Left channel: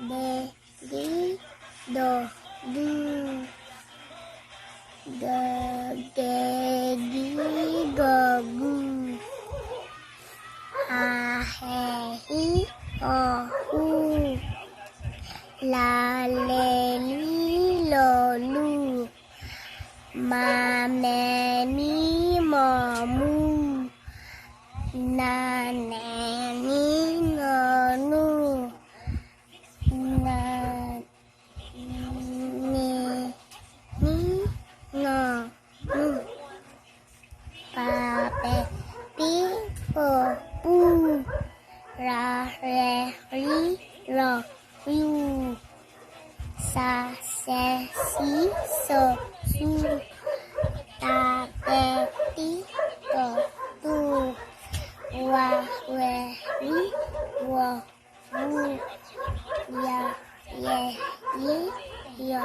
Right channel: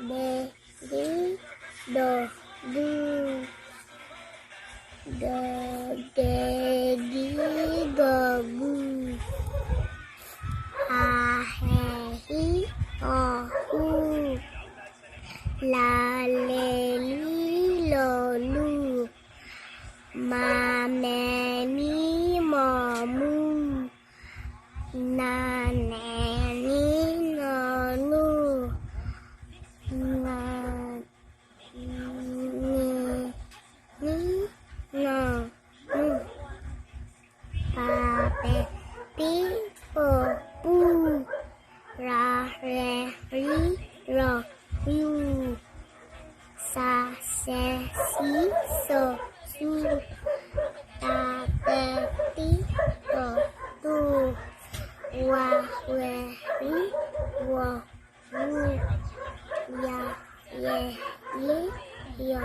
be, di, do, du, da, de, di, do, bu, ha, he, hi, ho, hu, la, le, li, lo, lu, ma, me, mi, mo, mu, na, ne, ni, no, nu, na, ni, no, nu, pa, pe, pi, po, pu, ra, re, ri, ro, ru, sa, se, si, so, su, ta, te, ti, to, tu, wa, we, ri, wo, wu, ya, ye, yi, yo,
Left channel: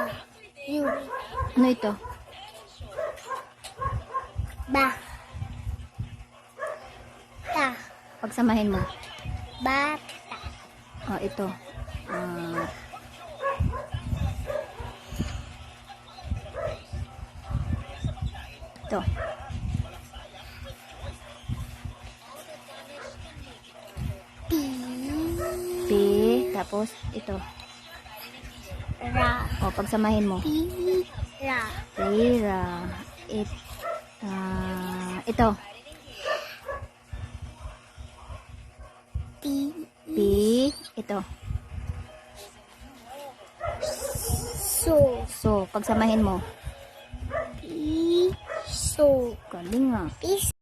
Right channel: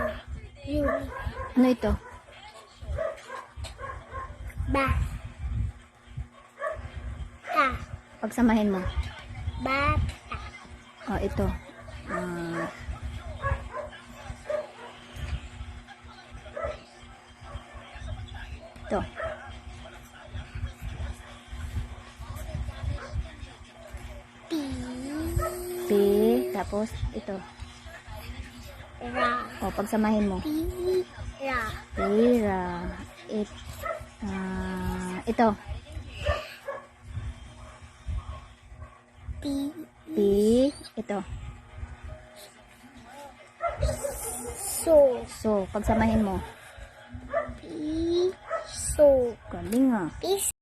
yu, Ano ito? ba, ta, Pagsamahin mo. ba, Oh, ito. Ito. pi, P. Tapos, ito. ra, Oh, pagsamahin mo. pi, ra, Pira. Ito. pi, P. Ito. so, So, pagsamahin mo. pi, so, Galing ah. pi,